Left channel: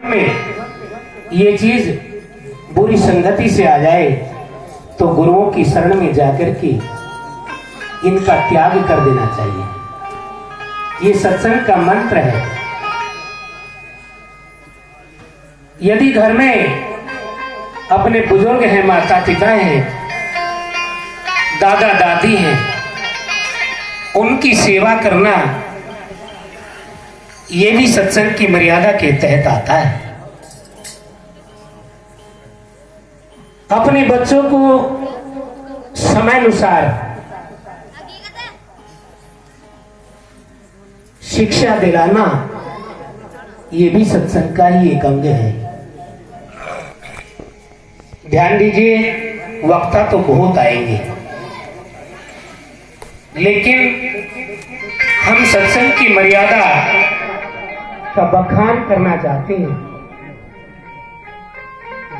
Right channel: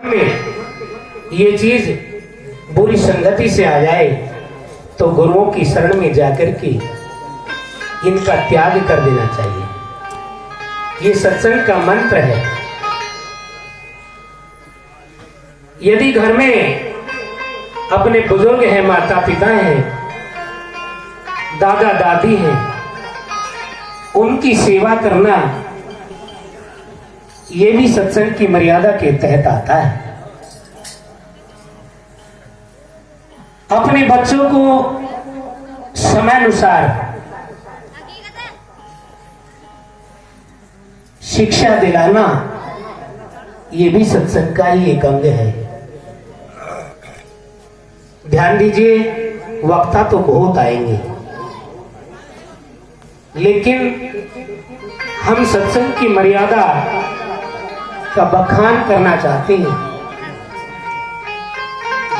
में ये चीज बुरी संगति से आ जाए तो गुरुओं की शरण में जाकर के इनका त्याग कर देना चाहिए। ये सत्संग का मंत्र है। यदि घर में अपने बुजुर्ग हैं, माता पिता हैं, दादा दादी हैं, उनकी सेवा करना ये भी सत्संग की मर्यादा के तहत आता है। अपने बच्चों को समय अनुसार शिक्षा दिलाना ये भी सत्संग का ही एक अंग है। ध्यान दीजिए, वक्ता तो बहुत आएंगे, लेकिन हम सत्संग की मर्यादा का बखान करना चाहते हैं।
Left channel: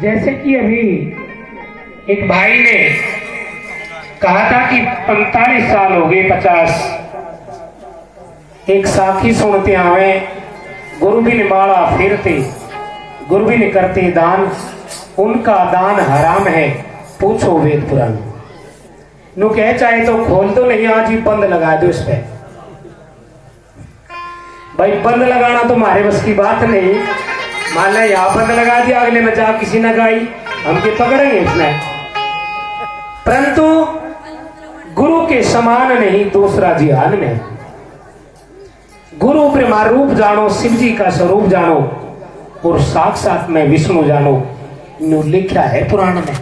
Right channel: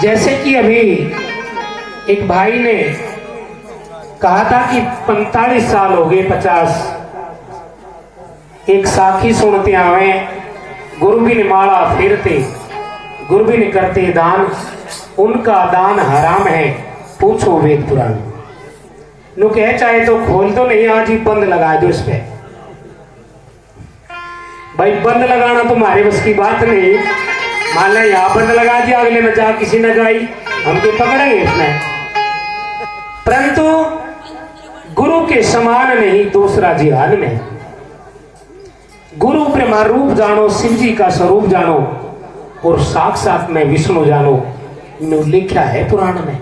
जैसे कि अभी एक भाई ने कहा था कि 45 साल हो गए, 50 एक साखी सुनते आवे, गुरु भी ने माला फेरते, गुरु भी ने करते दान, उनका दान हराम है, पूछो वेद पुराण। नो कह चाहे तो खोल तो नहीं, आज ही बंद लगा दो इस पे। भाई बंद लगाना तो हमारे बस की बात नहीं। मान लो यहाँ बंद लगा दिया, अगले न जा किसी ने गाई, हम के पकड़ेंगे इसमें। परंतु गुरु के समान नहीं दूसरा जिहान नहीं। गुरु ब्रह्मा रूप जानो, शिव जी का स्वरूप जानो और साक्षात में विष्णु जानो, लिखा है पुराण में।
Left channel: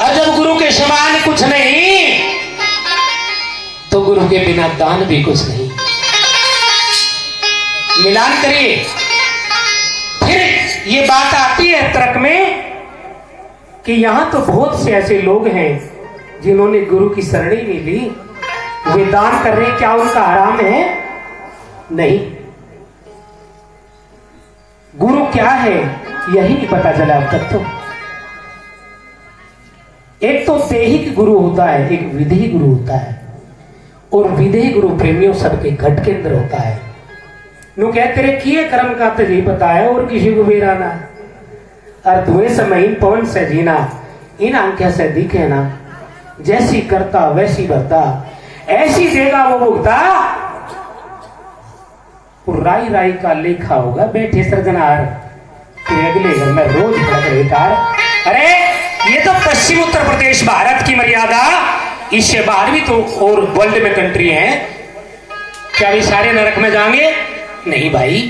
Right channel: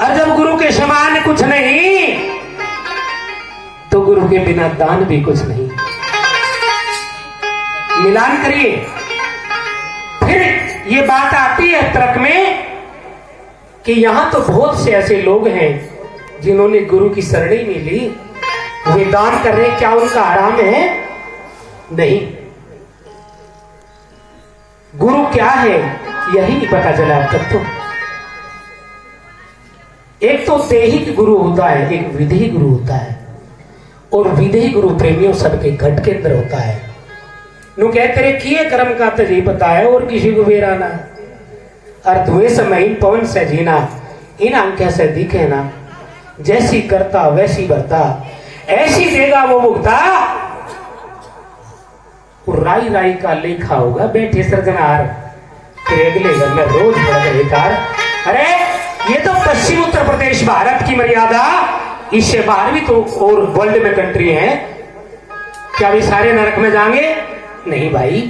और जब गुरु के समान कुछ नहीं तो गुरु के बिना दान भी कुछ नहीं। मिलान करिए। फिर ये बात आती है तर्क में कि यहां तो बहुत से ऐसे लोग हैं जिन्होंने गुरु की शरण ही नहीं ली, वे दान कर रहे, क्या उनका हराम है? नहीं। गुरु क्या है यही नहीं पता चला अब तक तो। एक तो दैहिक गुरु होता है, एक विधि गुरु होता है, और विधि गुरु प्रेमियों सबके घट के अंदर होता है। नु कह तेरे किए कर्म का तुझे पता है और किसी को बेराना है। और धुएं समय पवन से जीना, इन आंखें से दिखे ना, जैसी करता वैसी बरता, ऐसी देगा वो भुगता, राई राई का लेखा होगा बेटे सृजनहार, तेरे अगले घर में रोज भड़क। अरे ये तो पश्चिम उत्तर प्रदेश भारत की मर्यादा, इससे बाहर भी तो और वर्ल्ड में कंट्री है, क्या वे सारे नरक में जाएंगे? नहीं भाई।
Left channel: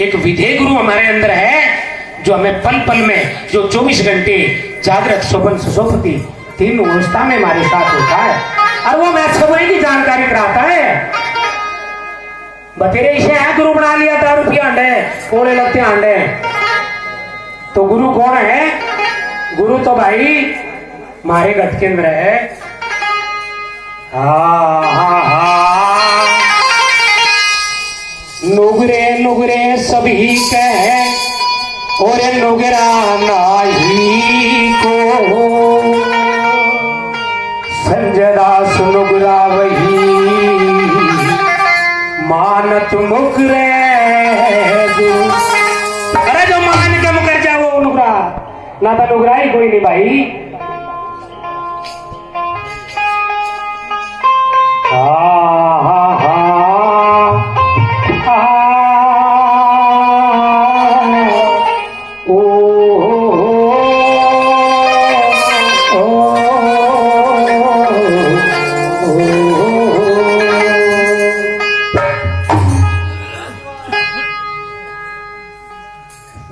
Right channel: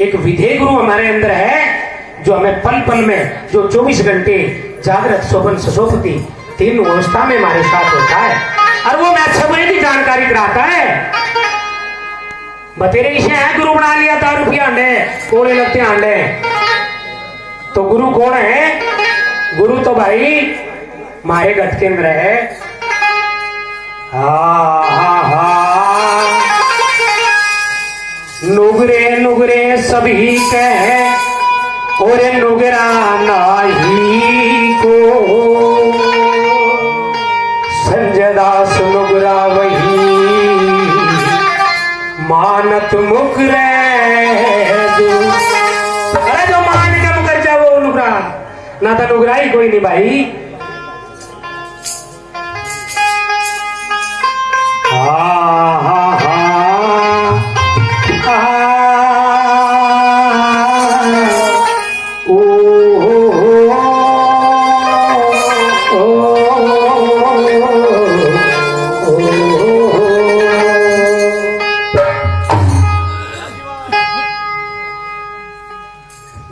एक विधेय गुरु हमारे अंदर है जो हमें पल पल में, जो 24 घंटे जागृत स्वप्न सुषुप्ति तीन अवस्था में हमारे साथ होता है, और वो मैथ समय की जानकारी कराता है। बतेरे इसे है गुरु बना लिया था, रुपया अंडे कोड़े लगते अंडे। तो गुरु कौन है? गुरु तो भाई हमारे घट के अंदर है। नुगरे नुगरे सभी कहे और नुगरा नाही को, संजय दास नुगरा वही मानत मुकरे। अरे जो मान के मुकर क्या वो नुगरा ना, था नुगरा ही कोई नहीं भाई।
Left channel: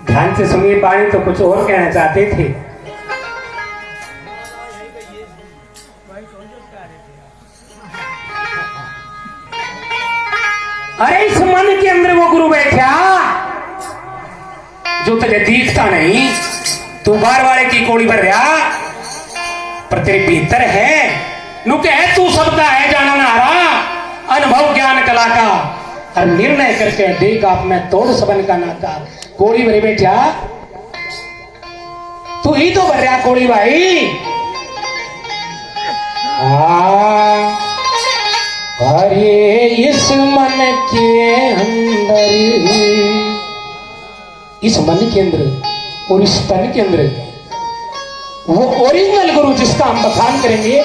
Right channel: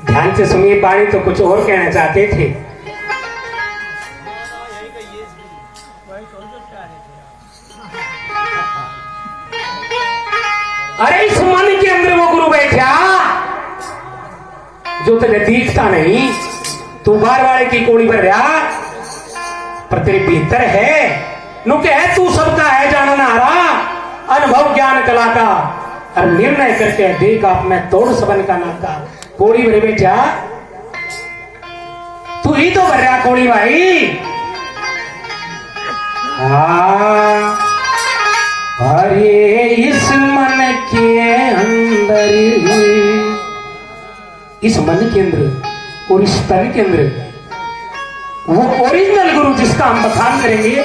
ध्यान से सुनिए, पानी तो कुछ और कहना चाहते थे। अरे इस मन के अंदर वो गुरु बैठा जो तुझे दिखता नहीं, तू बार वाले की कोड़ी भर रहा, पर तेरे भीतर है। नु कह तू सबका है जानना हारा, अनुभव ज्ञान कला का, और निर्णय करके देख आप में तोड़ सबन का नाता। कोड़ी भरे बैठा, तू ही तो भर रहा कोड़ी भाई। अरे इस मन के अंदर इस मन के अंदर और इस तन के अंदर वो ओरिजिनल गुरु जिसका हम बखान करेंगे,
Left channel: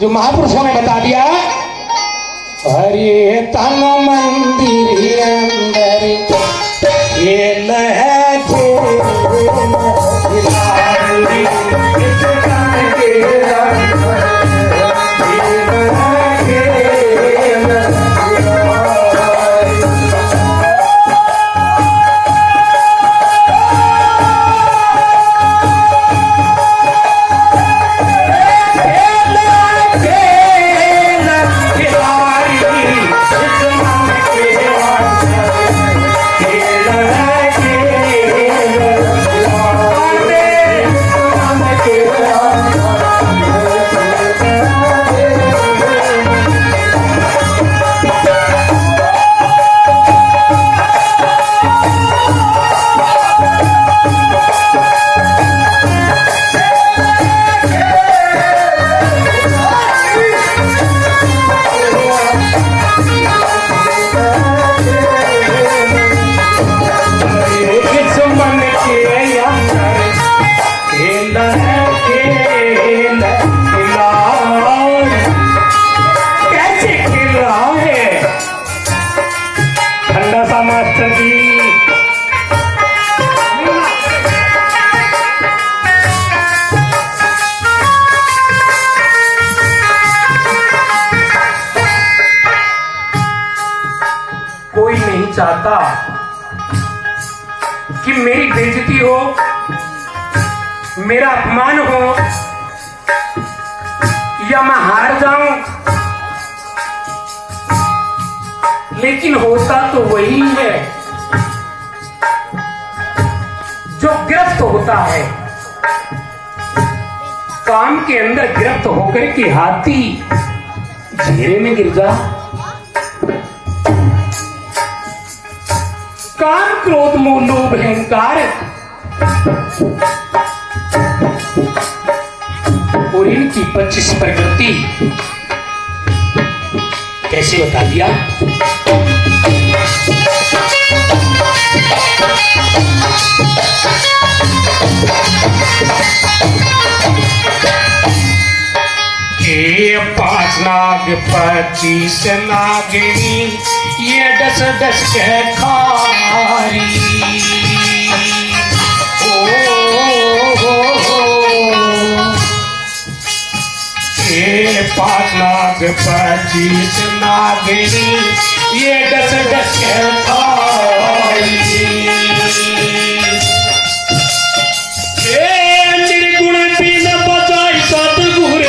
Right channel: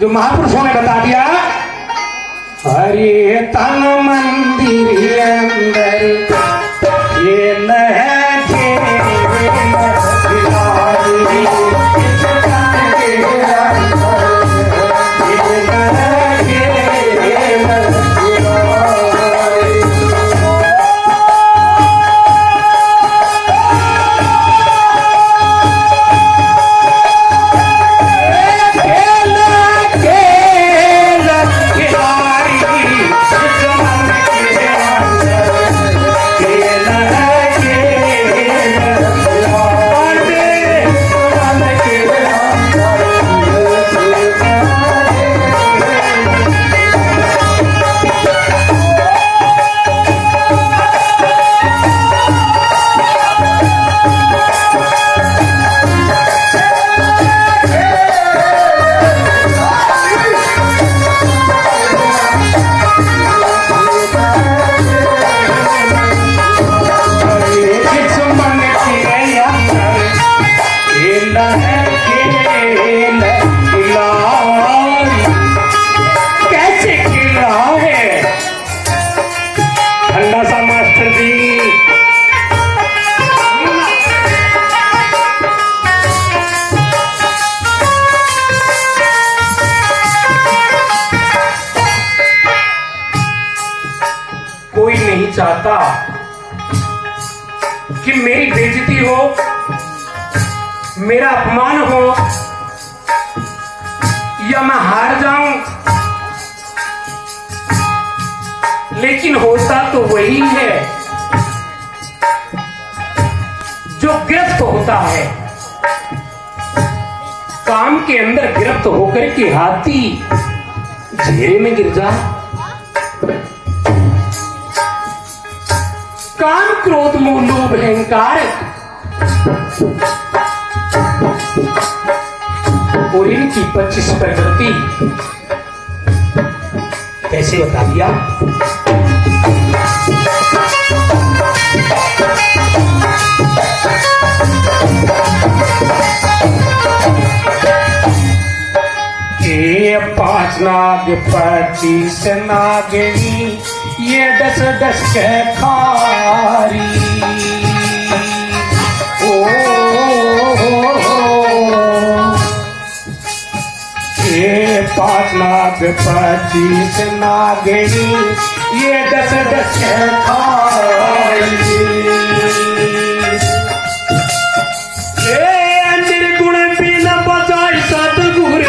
जो महापुरुषों ने बता दिया, हरे तन मंदिर अंदर ये लहजे चाहता कि मेरी बेइज्जती हो, मेरा अपमान हो, या मैं हार जाऊं, लेकिन होता तो वही है जो गिरफ्त होता है। काम के अंदर गिरफ्त होकर कि हाथी घेरे में गिर जा। काम क्रोध मोह लोभ अहंकार और इनकी 25 प्रकृति कैसे बता दिया। ये 5 नाग 25 नागिनी, ये 10 के खारी। ये 5 नाग 25 नागिनी, ये 10 के खारी। ये निर्गुण भी न बचाई सतगुर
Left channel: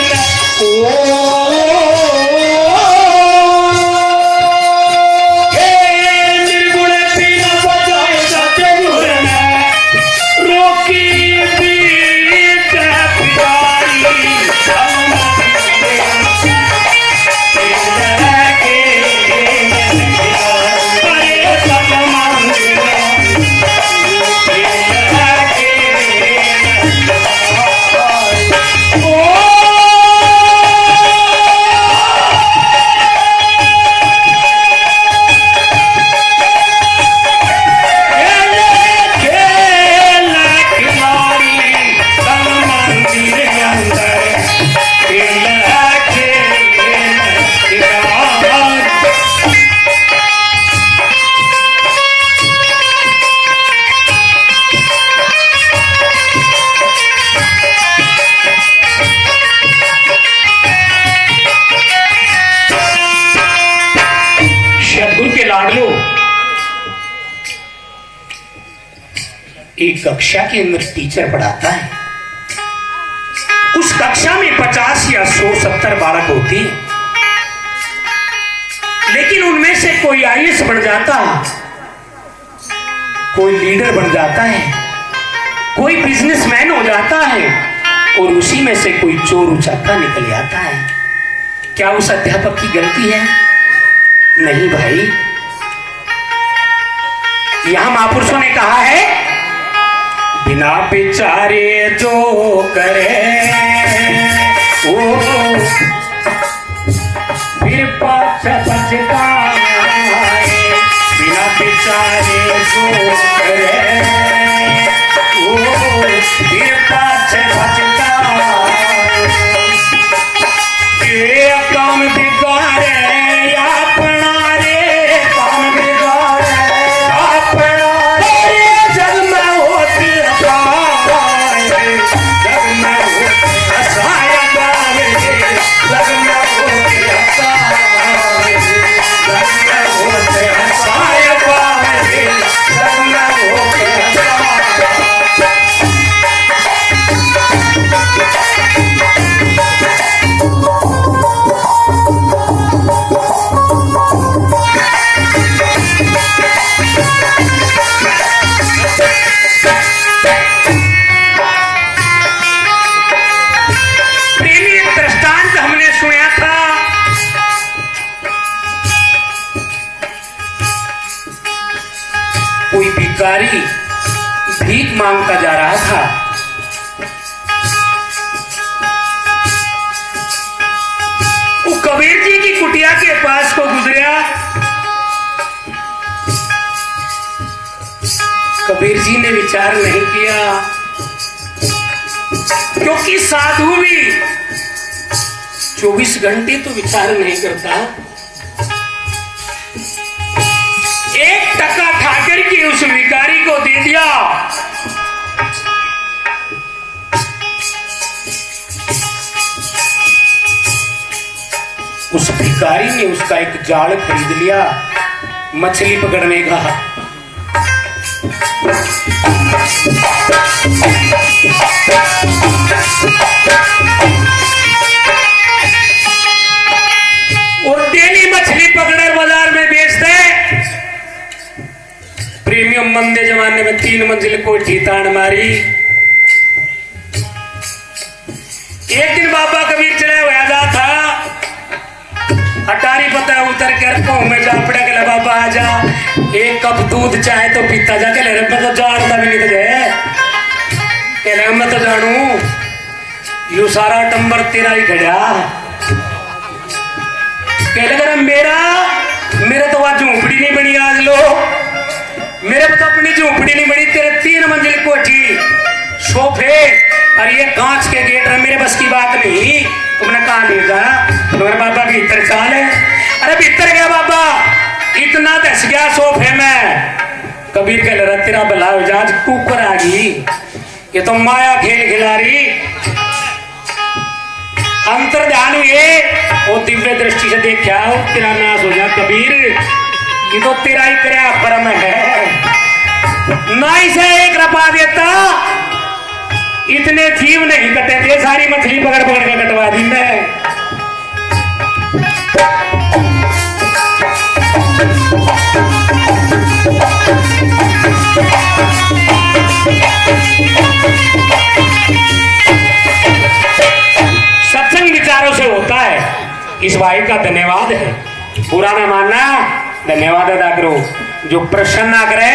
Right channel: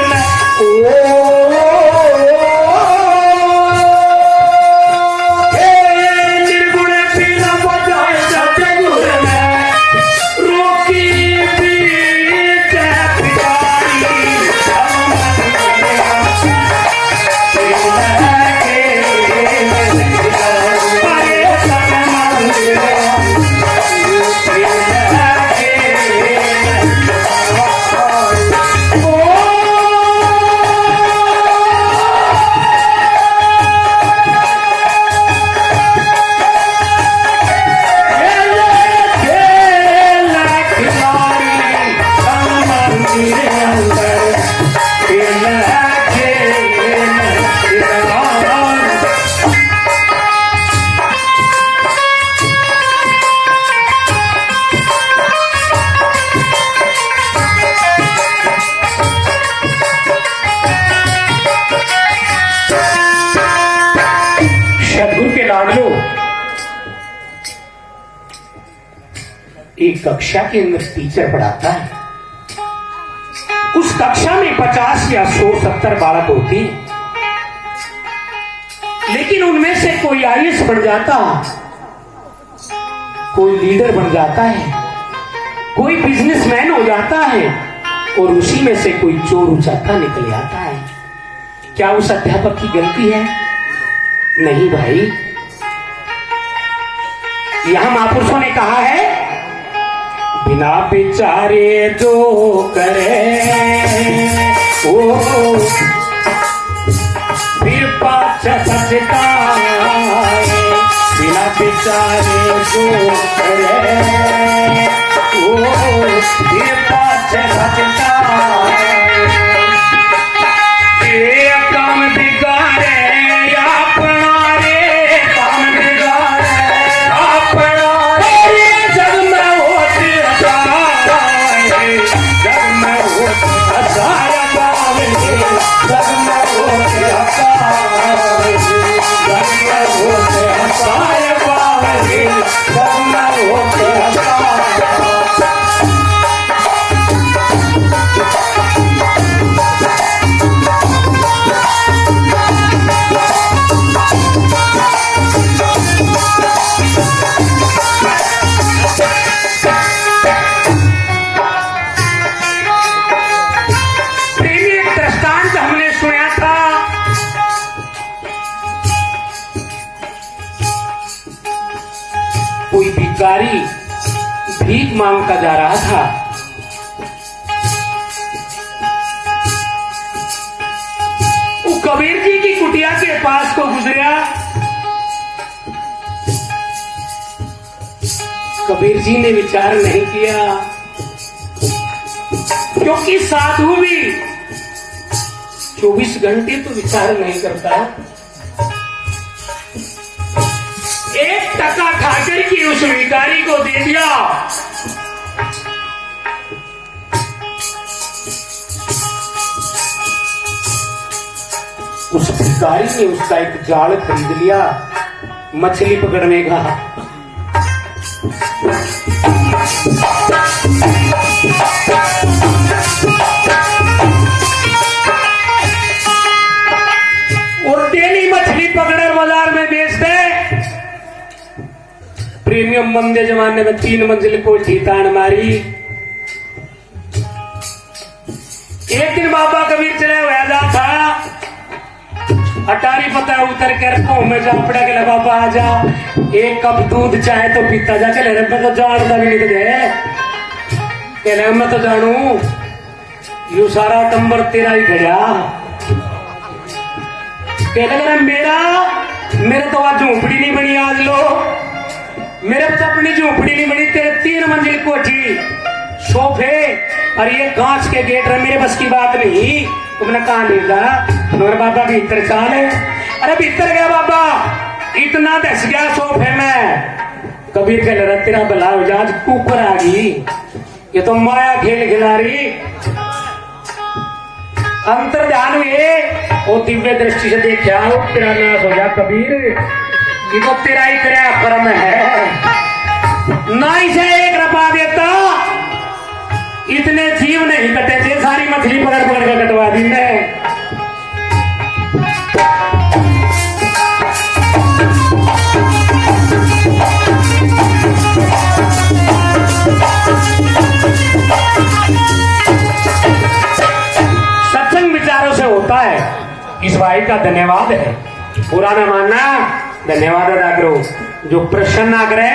एक कक्षा के अंदर टीचर पढ़ाता है। उस कक्षा में 50 या 170 बालक होते हैं, लेकिन उनमें से कोई आईएएस बन जाता, कोई लीडर बन जाता है, कोई बिजनेसमैन हो जाता है, और उसी में से कोई चोर उचाका निकल आता है। क्या उस अध्यापक की गलती है? नहीं भाई। यहां महापुरुषों ने कहा है, बिना विचारे जो करे वो फिर पाछे पछताए। बिना विचारे जो करे पाछे सचता ये काम बिगाड़े अपना रे काम बिगाड़े अपना रे जग में होती जग में होती हसाया गावे जग में होती हसाया जग में होती हसाया गावे जग में होती हसाया कोई भिखारी भीख मांगता जा रहा था। वो कबीर जी की कुटिया के पास को गुजरा। कबीर जी ने विचार नहीं किया, क्योंकि साधु भी 24 घंटे तो विचार नहीं करता। एक टका खाकर के उस भिखारी को दे दिया। उस भिखारी ने उसका एक जाल खरीद लिया मछली पकड़ने का। और डेली मछली पकड़े बाजार में बेचते। प्रीमियम मंदे जमाने में 3 मंजिल कोठी तान मारी। एक दिन बाबा कबीर चले हुआ जा था। अटारी पता उतर कर को में जा पड़ा के बाबा आजा एक कप दूध चाहे तो पीता जा के ले मैं तो जानता भी नहीं तुझे के मैं तो जानू यू सारा टंबर तेरा ही खड़ा के मेरे तो आज झोंपड़ी नहीं बनी। आज लो मेरे तो अपनी झोंपड़ी नहीं बनी। तेरे 3 मंजिल कोठी सोफे और ये कांच के गेट रहे। मेरे बस की बात नहीं। तुमने कहा ले जा तुम्हारे बाबा भीतर चाल है। अरे भीतर गया बाबा इतना दस गया सोफे में। कबीर कह रहा तेरा भला हो जा। आज कुकर आ गई ये तो माया खेल खिला रही। अंतर ध्यान हुए वो दिव्य दृष्टि से देखा तेरा नाश हो जा कबीर। ये तो तेरा ही तेरा परम है। नाई से एक रपा देता इतने जीव नहीं कटे थे। सारी मछली पकड़ पकड़ कर कटवा दी मैं। सत्संग विचारों से होता है। इस भाई का धन्यवाद है। पूरा न मानना धन्यवाद अदा करो। जो प्रश्न ना करे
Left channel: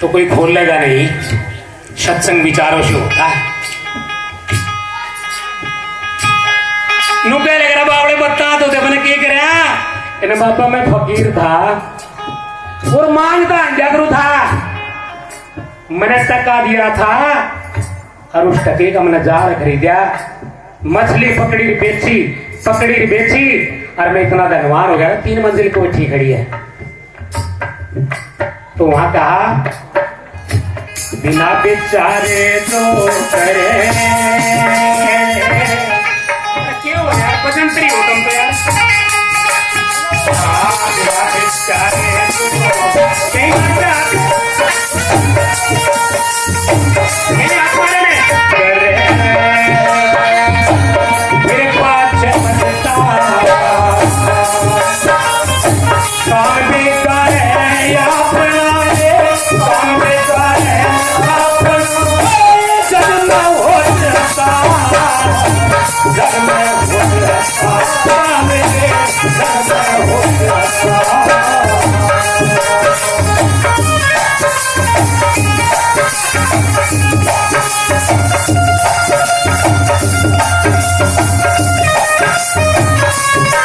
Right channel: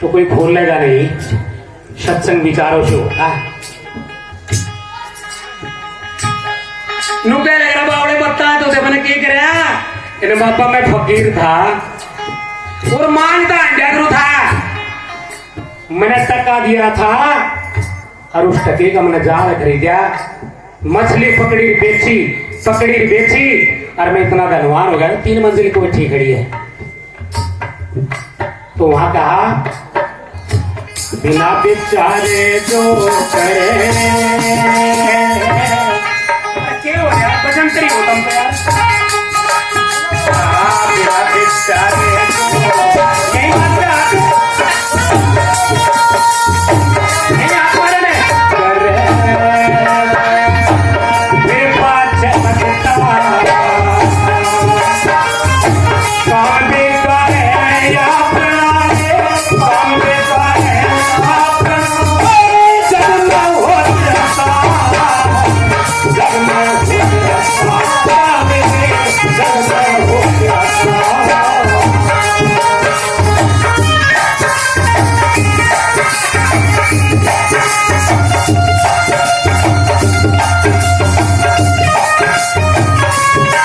तो कोई खोलेगा नहीं। सत्संग विचारों से होता है। नुके लग रहा बावड़े बता तो मैंने क्या करा। बाबा मैं फकीर था और मानता जागरू था। मैंने टका दिया था और उस टके का मैंने जाल खरीदा। मछली पकड़ी बेची और मैं इतना धनवान हो गया। 3 मंजिल कोठी खड़ी है। तो वहां कहा बिना बेचारे जो करे क्या हो यार भजन करी हो तुम तो यार। बिना बेचारे मेरे पास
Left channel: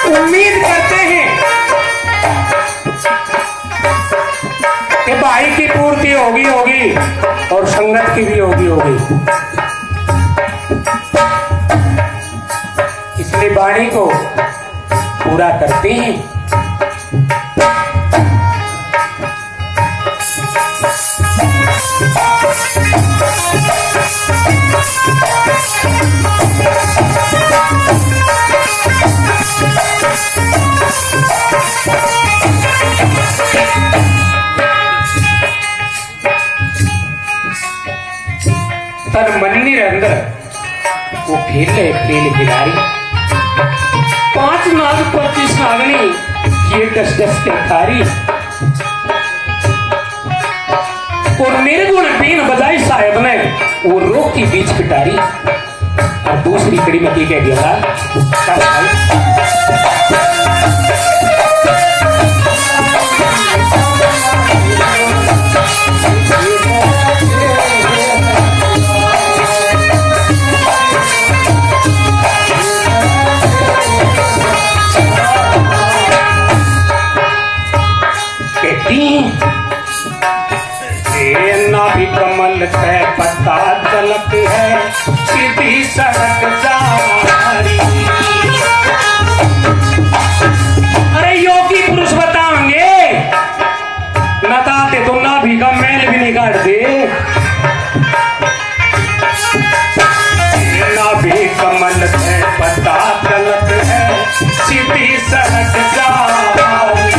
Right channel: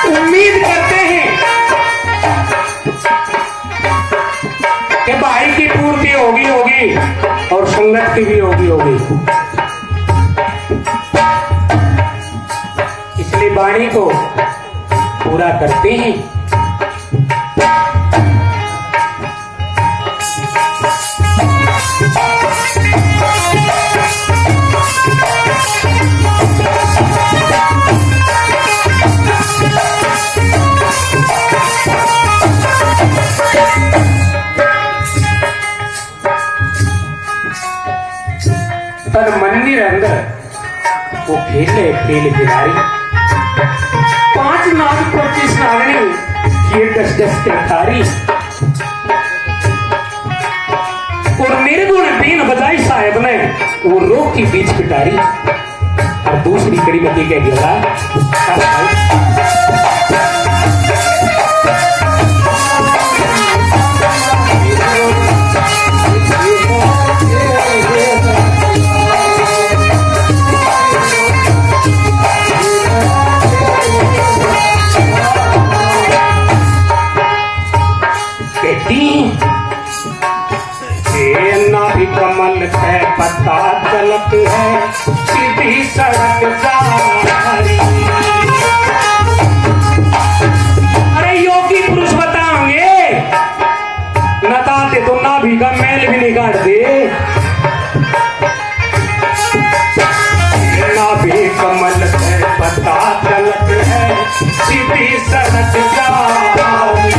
उम्मीद करते हैं कि भाई की पूर्ति होगी और संगत की भी होगी। वाणी को पूरा करते हैं। तन मंदिर अंदर वो खेले खेल खिलाड़ी 5 नाग 25 नागनी ये 10-10 के खारी और निर्गुण बीन बजाई साहेब ने वो रोक की बीच पिटारी। और दूसरी कड़ी में क्या गया भी कमल है पता चलत है सीधी सड़क जारी। अरे योगी पुरुष बताओगे नताते तो ना भी का मैल भी नहीं काट दे। ना भी कमल है पता चलत है सीधी सड़क जारी।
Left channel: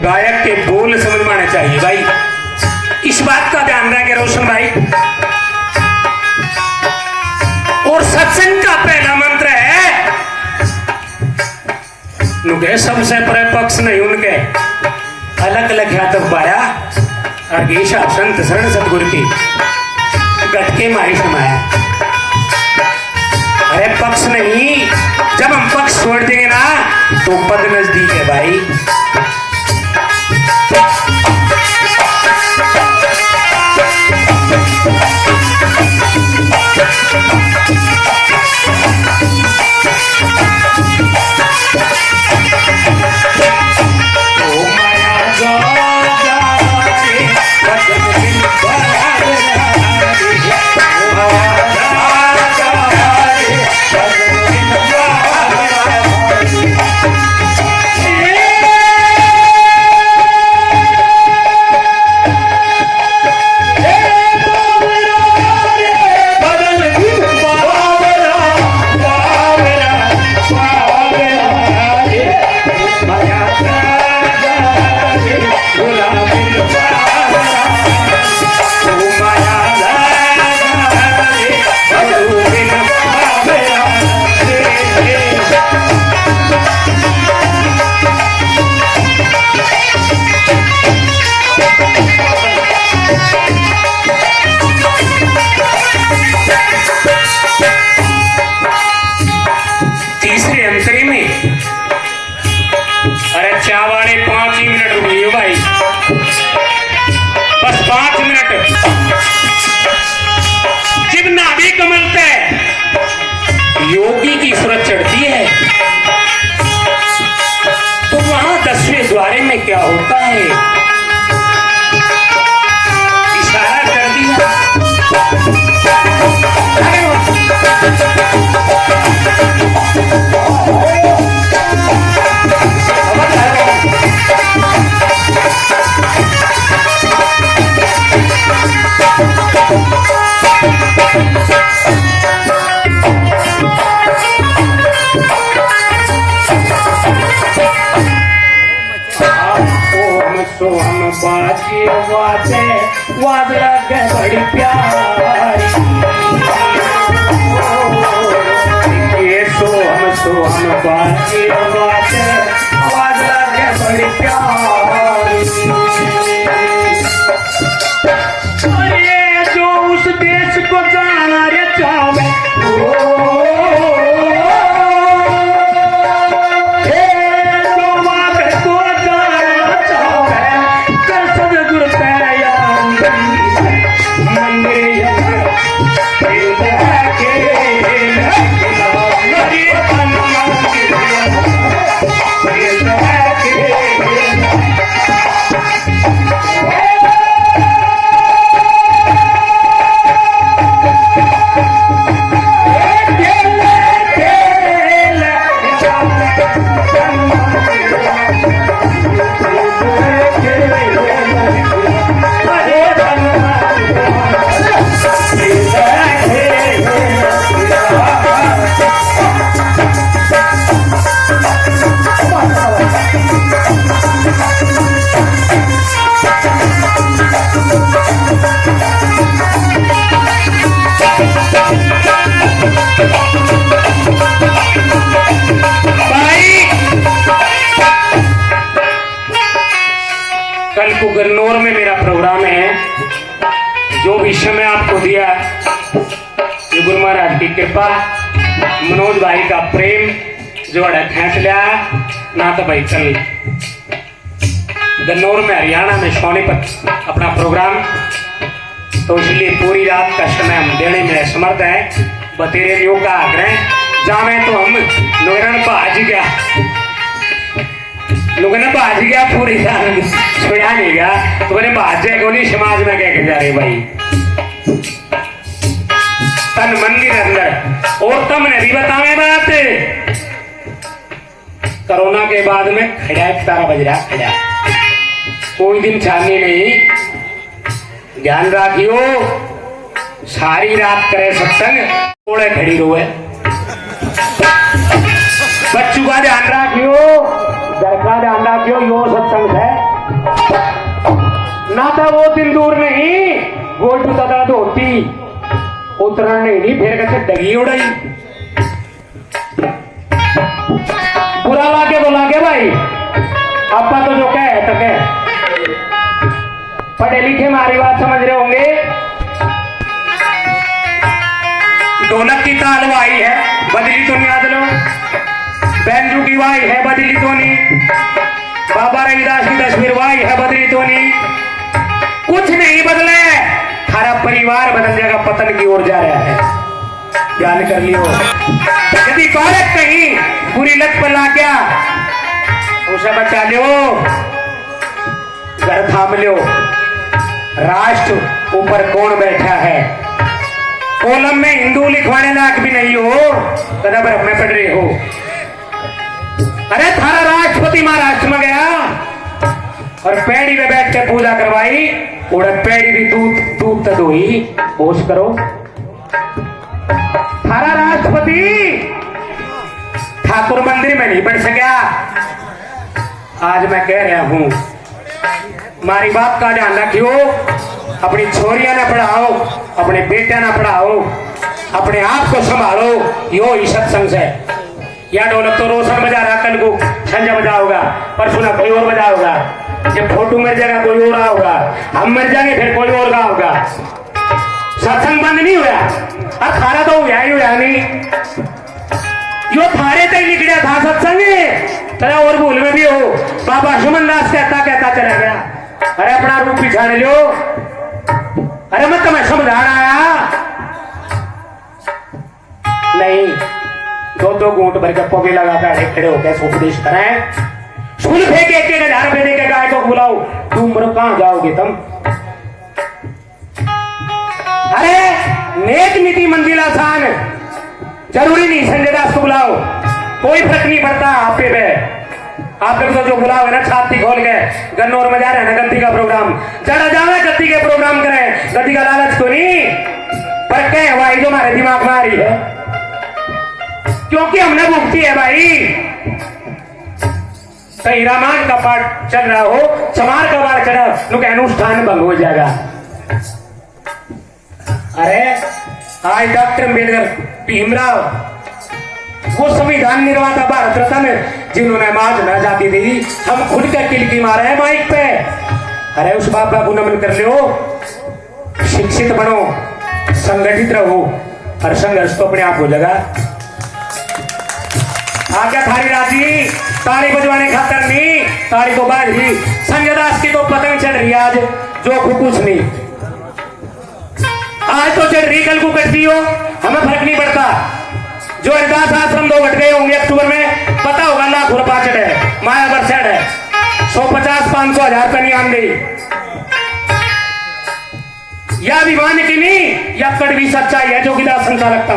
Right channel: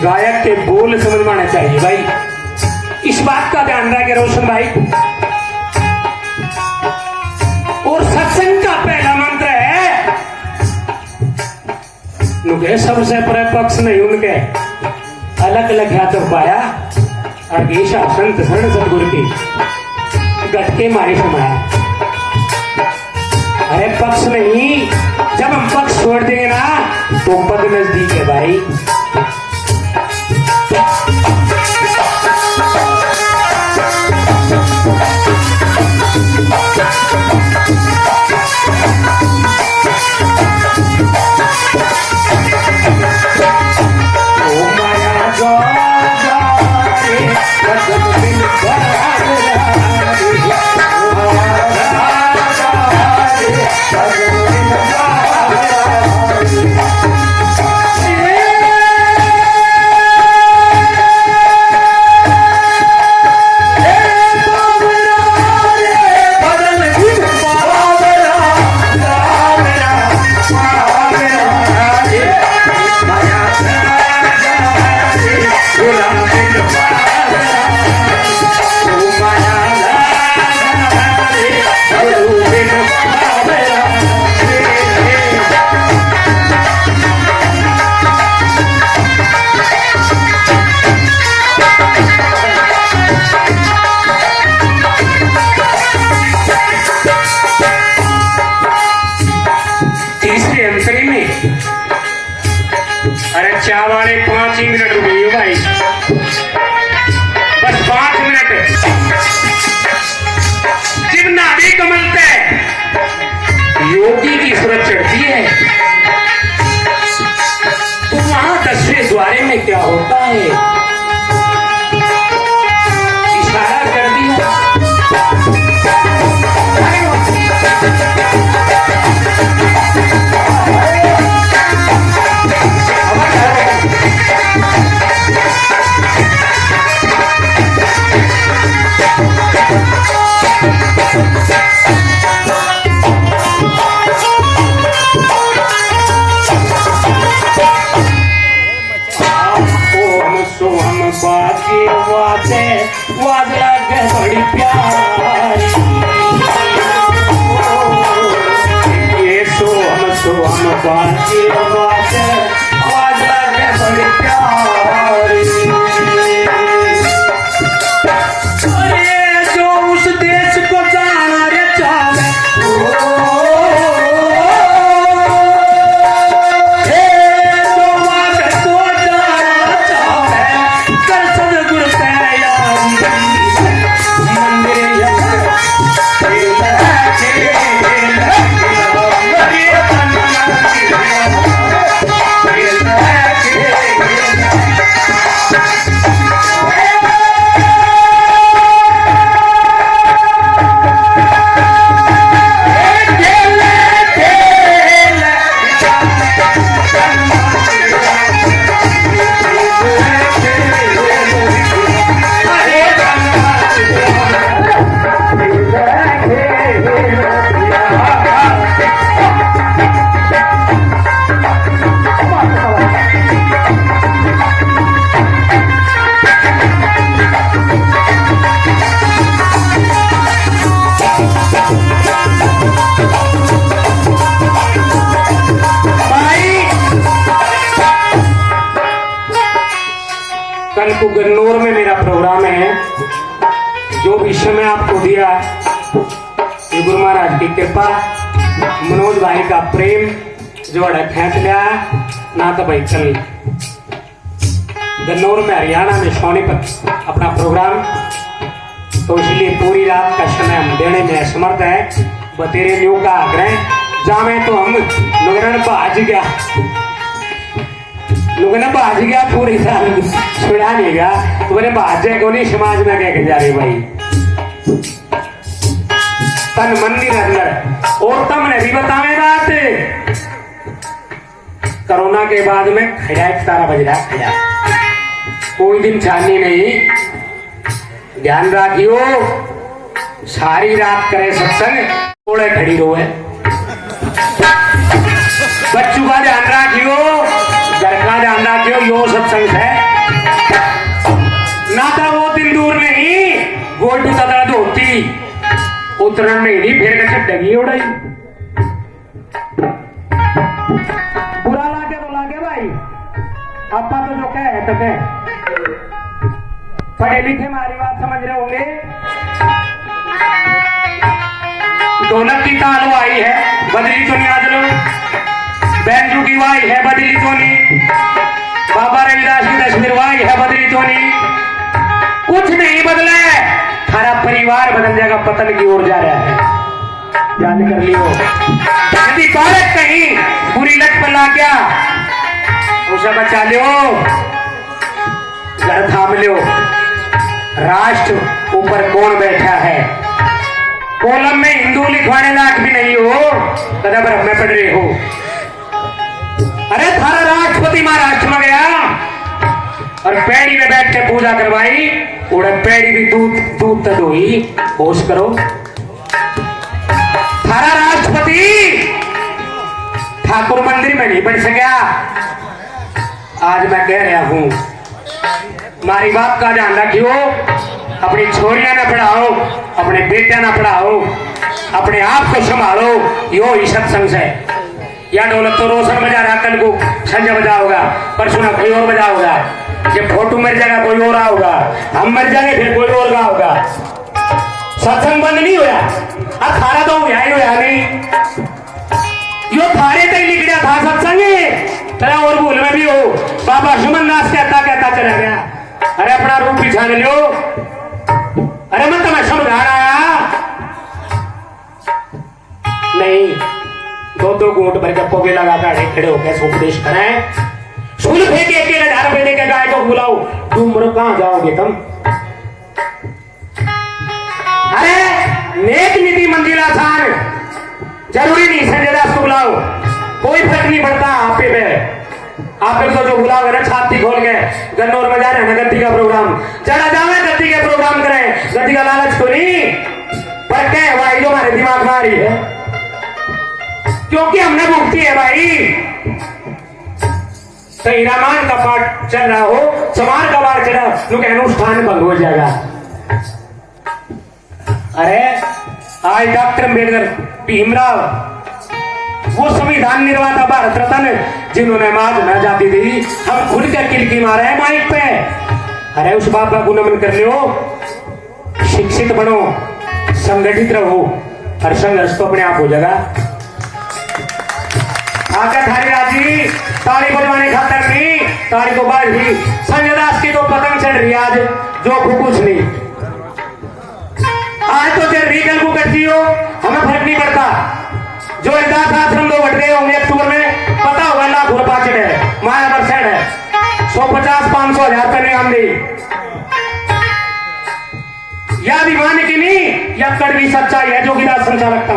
गायक के बोल समझ में आना चाहिए भाई। इस बात का ध्यान रखे रोशन भाई। और सत्संग का पहला मंत्र है उनके सबसे परे पक्ष नहीं उनके अलग अलग ख्यातक पाया और ईशा संत शरण सतगुरु की गटके मारी समाया। अरे पक्ष नहीं, जब हम पक्ष छोड़ देंगे ना तो पद नजदीक है भाई। योगी की सूरत चढ़ती है तो वहां 10वें द्वारे में क्या होता है, इशारा कर दिया। सोहन बाजे वादे वादला के बड़ी प्यारी, ये सोहन बाजे वादे वादला के बड़ी प्यारी। अरे जो उस देश को जाना रे चाहे कल को गन्नौर में मेरा प्रोग्राम है। जो विषय में आपको दिया ये गुरु महाराज की कृपा, मनोज भाई का प्रेम जो खेच लिया ना तो भाई कल गन्नौर में हरियाणा में सोनीपत अपना प्रोग्राम, तो इसलिए पूरी रात का समय हम देने में असमर्थ है। बतेरे न्यू का आग्रह जावे तो हम लोगन भाज गया, लोगों ने भाज गया पूरी रात छुड़ा नहीं गया, तो मैंने भाजे को नहीं समाज में कह के जा रहे भाई तन मंदिर अंदर। और तुमने भी बतावे बात, कोरोना के बाद में खड़ा 11 बज रहा खड़ा, कोई दिन छानी नहीं। ध्यान रखियो सारी रात करे सत्संग, थोड़े खड़ी रोए। बच्चों का ध्यान रखियो, घर का ध्यान रखियो, यो सत्संग है ना तो वो दिन दूर नहीं, गोल भी तदा धोती उतरण नहीं फिर कैसे डगी उड़ाई। बुरा लागे तो लागे भाई, आपका तो जो कहे तो कहे, पढ़े लिखे हमारी बात समझ रहे होंगे। ढोलक की ताल वाई है बदली तो नहीं आदलो, बैंजू की वाई है बदली तो नहीं, बाबा रविदास की तस्वीर वाई है बदली तो नहीं, कुछ नहीं बदले, सारा परिवार बदल जाएगा, पतन की ओर जा रहा है। ध्यान कर लियो, यदि औरत कहीं बुरी लत पर ला गया उसे बचा लियो, घर थाम लियो। राष्ट्र ऊपर कौन बैठा है, कोलम में हिंदू लिखवाने लायक भी नहीं हो, कदम पर में पढ़ रहे हो। अरे थारा राष्ट्रपति महाराष्ट्र में गया और पैड़ी में बैठ के पूजा करवाई, उड़द पैड़ी भी दूध तक हुई, होश करो। थारा राष्ट्रपति ठाकुर मंदिर में नहीं बैठ सका। आज मैं कह रहा हूं, हमारी बात का ध्यान रखियो, अपनी छोरियां ना पढ़ाओ, अपने बेटियां ना पढ़ाओ, अपने आप को संभालो, यो ही सत्संग है। या ढोलक तो रोशन बजा रहा, कल को संजय बजा होगा, परसों ना कोई और बजा होगा, जब फोटो मर जाएगा कोई और होगा, हम मर जाएंगे फिर कोई और का होगा। सत्संग बंद नहीं हुआ, अब थारा तो हुआ ही हुआ नहीं, यो थारे तक निकला था सत्संग। चला और भूल में भी हो, बाबा सुमन दास कहता कहता चला गया। अरे अपना रूप पिछाड़ लो, अरे मैं तुम्हें समझा रहा नहीं, दो घूंट भर के पोगे लगा कर खड़े होकर उपदेश कराएं। फूल फेंके 1,000 रुपए देके गाय को बुलाओ, तुम मरो कहां जाओगे तुम? अरे नेक नीति मंजिल आसान, जरूरी नहीं संजय दास को बुलाओ, कोई फर्क नहीं पड़ता। आप पे तो जो बुलाओ ना छाती खोल के गन्नौर में जा रहे हैं ना गद्दी का प्रोग्राम, जरा जावे गद्दी के प्रोग्राम करें, गद्दी का लालच को नहीं पर कह भाई जो हमारे दिमाग में आ रही है, क्योंकि हमने भुगती है भाई। कहीं रामायण का पाठ चल रहा हो, समार का पाठ चल रहा हो, लोग अनुष्ठान भंग हो जाएगा। अरे आज डॉक्टर अम्बेडकर भीमराव वो संविधान निर्माता भारत रत्न जिन्होंने महात्मा जाती थी, हम खुद के किलकी मारे हैं माइक पे। अरे उस बाबा को नमन कर लो, शिक्षित बनो, संगठित रहो, और संघर्ष तो अपने आप हो जाएगा। आगे थारी राजी ताली बजवाने खातर नहीं, ताली को बाढ़ ही। संजय दास की तो पतंग चढ़ रही आज, जो कुछ नहीं, आज तो चढ़ रही कल को करती हो, हमें फर्क नहीं पड़ता। जो हरिदास आश्रम 2 घट गए होंगे अक्टूबर में, पता होगा लाखों रुपया चढ़े, माया बरसेड है, 150, 500, 1000 रुपए नहीं हम दी। या अभिमान की नहीं, या कड़वी सच्चाई है जो गिलास संचालक था।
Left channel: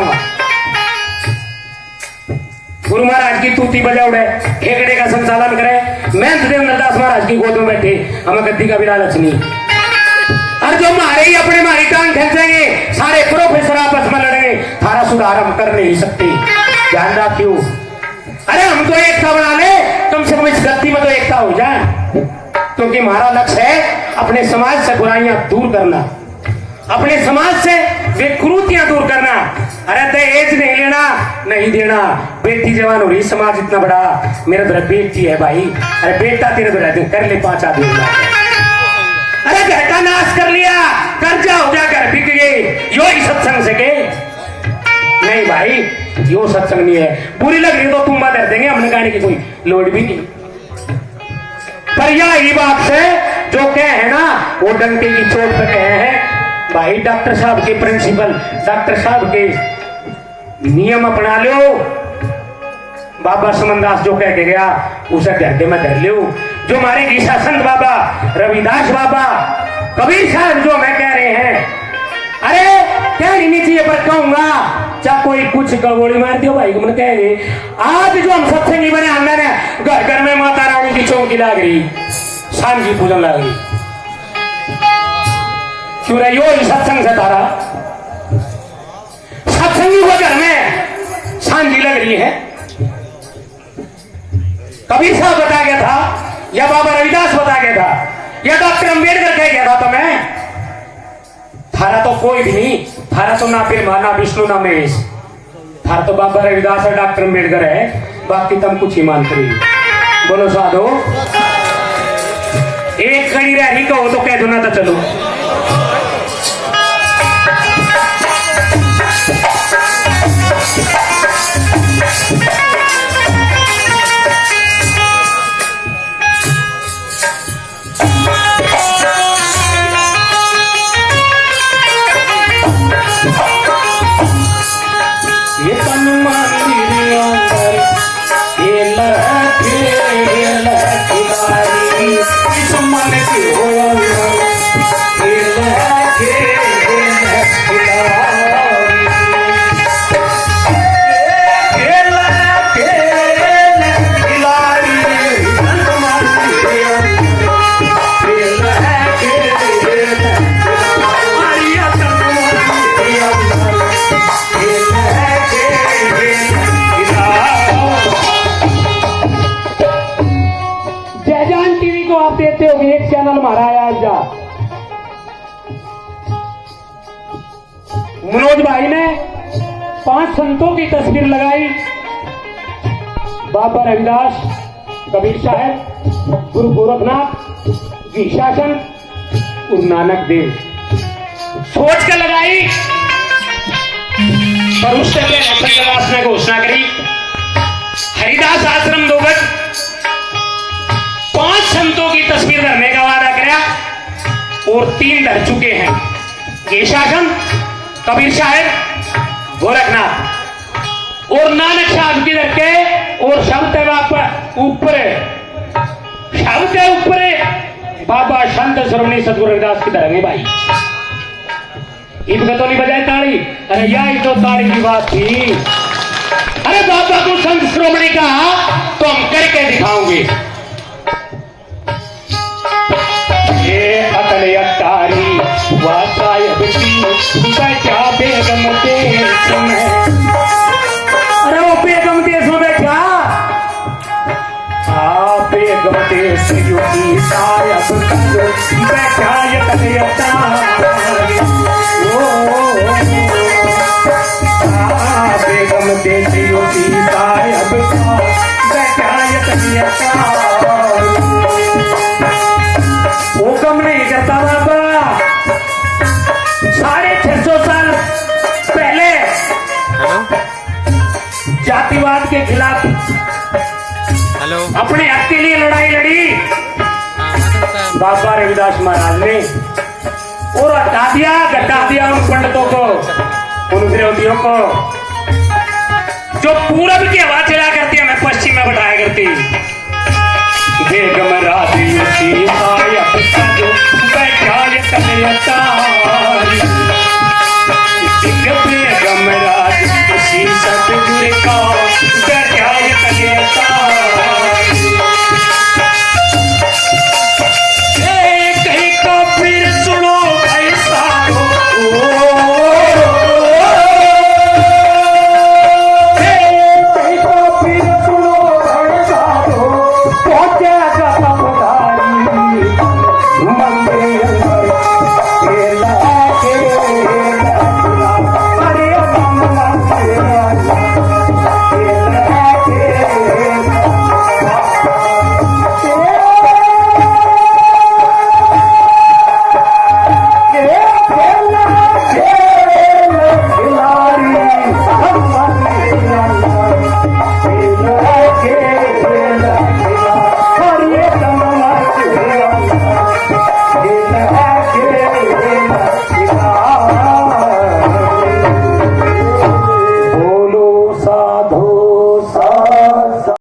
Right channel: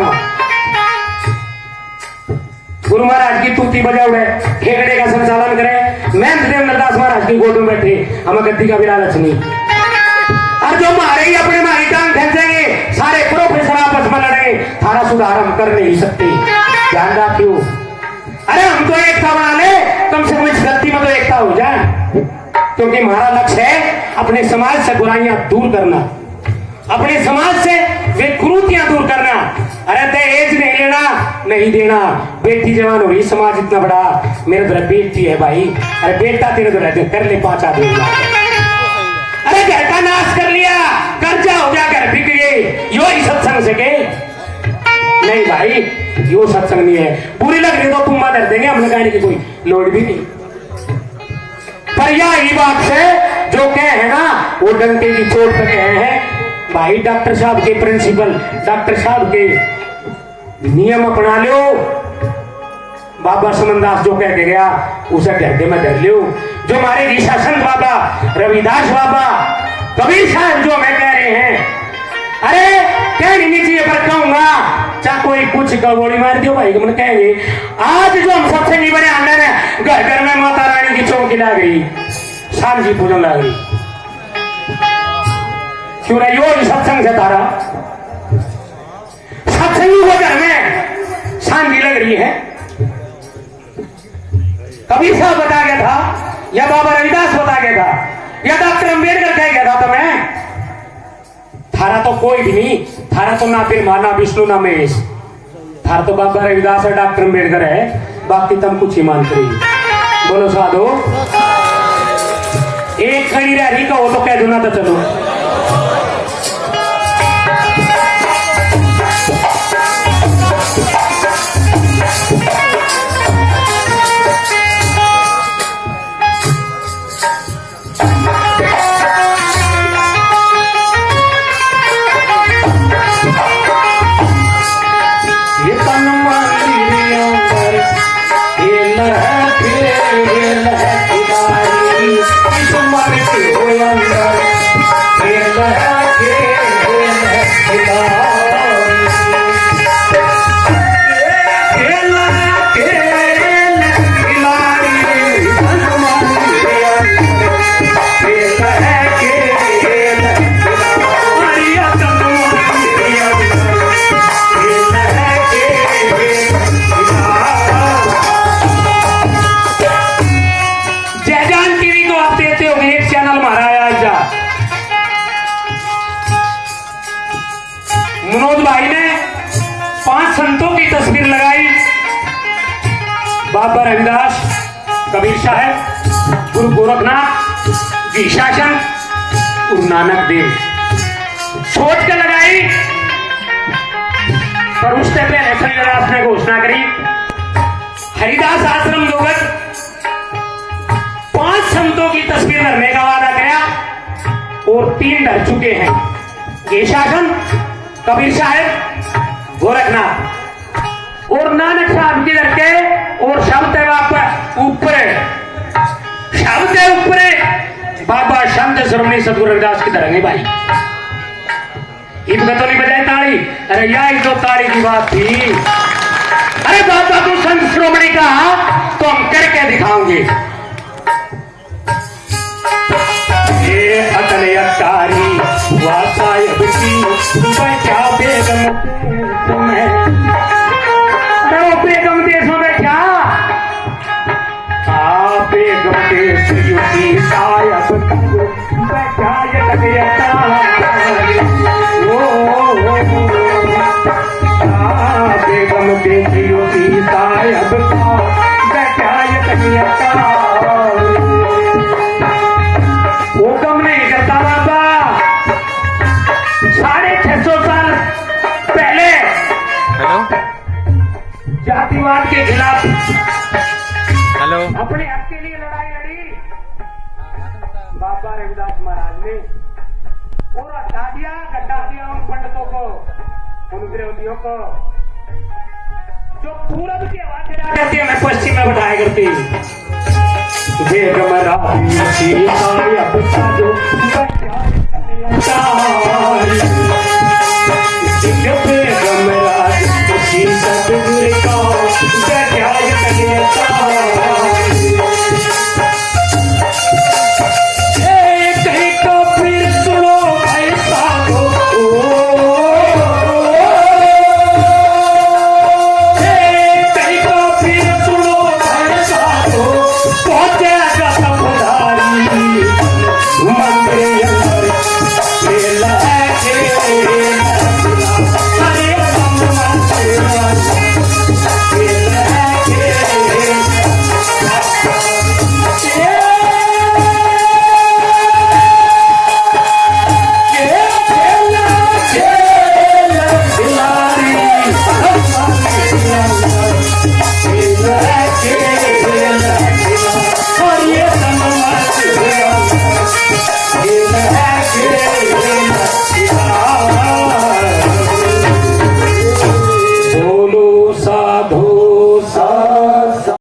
गुरु महाराज की तूती बजाओ है, हेगड़े का संचालन करे, मैं देवेंद्र दास महाराज की गोद में बैठे, हमें गद्दी का भी लालच नहीं। और जो मारे ही अपने मारी टांग खींचेंगे, सारे प्रोफेसर आपस में लड़ेंगे, थारा सुधार हम कर नहीं सकते, ध्यान रखियो। अरे हम तो एकता बना ले, कम से कम इस गद्दी में तो एकता हो जाए, क्योंकि हमारा लक्ष्य है अपने समाज से बुराइयां दूर करना, अपने समाज से विकृतियां दूर करना। अरे दहेज नहीं लेना, नहीं देना, बेटी जवान हो रही, समाज इतना बड़ा, मेरे तरह बेटी है भाई, अरे बेटा तेरे तरह कर ले 5 आदमी। अरे घर का नाश कर लिया, कर्जा हो गया, घर बिक गए, यो ही सत्संग से के नहीं भाई, यो सत्संग नहीं है। बुरी लग रही तो तुम मदद देंगे, हमने कहने की कोई लोड भी नहीं। पर यही बात से जो कहे है ना, वो डंके की चोट पे कहे हैं भाई। डॉक्टर साहब के प्रिंसिपल, डॉक्टर साहब के नियम अपना लो। बाबा समनदास जो कह के गया उसे घर में धर लो। जो हमारे ऋषा संत बाबा, रविदास बाबा, कबीर साहब जो मैं कह रहे हैं, अरे कहनी नहीं चाहिए पर कहूंगा, चाहे कोई कुछ गोली मार दियो भाई, हम कहेंगे आज जो हम सबसे नहीं बने अंडर है, घर घर में माता रानी की चौकी लाग रही, शाम की पूजन लाग रही, क्यों रही हो सत्संग से तारा, सत्संगी को घर में शांति लग रही है। कबीर साहब बता गया था, या बाबा रविदास बता गया था, या डॉक्टर अम्बेडकर कह गया था तुम्हें, थारा तो कोई भी नहीं, थारा तो ना फिर माना विष्णु ना महेश, थारा तो बाबा रविदास और डॉक्टर अम्बेडकर है, बाकी तुम कुछ ही मानते रही। बोलो साधो, एक खड़ी रही कहो तो कह दो ना, तो चलो ये तन मंदिरों पर ये लहरे लहराई, इस मन की हो अंदर ये लहरे लहराई, ये लहरे लहराई, ये जयजान टीवी को आप देते हो, एक चैनल हमारा आया आज, मनोज भाई ने 5 संतों की तस्वीर लगाई, बाबा रविदास, कबीर साहब, गुरु गोरखनाथ, जी शासन, गुरु नानक देव, सोच कर लगाई। पर उससे पहले संजय दास ने घोषणा करी, हरिदास आश्रम 2 घट 5 संतों की तस्वीर धरने का वादा किया और 3 धर चुके हैं, ये शासन, कबीर साहब, गोरखनाथ, और नानक साहब किधर के और शब्द है ऊपर शब्द है ऊपर बाबा संत श्रोमणी सतगुरु रविदास किधर है भाई। इनका तो नहीं बजाए ताली। अरे यही तो ताली की बात थी। अरे बाबा को संत श्रोमणी का तो हम करके दिखाओगे। ये अतल अतारी वासायब की बचा बेगम देश में। अरे वो बेगम देशों में क्या बेगम देश युति सायब बचा ये अतल अतारी बेगम देश युति सायब बचा ये अतल अतारी। हुक्म नहीं करता बाबा। 650 साल पहले जातिवाद के खिलाफ अपने हक के लिए लड़ाई लड़ी बाबा रविदास महाराज ने और घटा दिया उन पंडितों को उन विरोधियों को जो पूरब की हवा चला करती है मैं पश्चिम में बैठाया करती। बेगम राधी सायब जो बैठा बेगम राधी सतगुरु का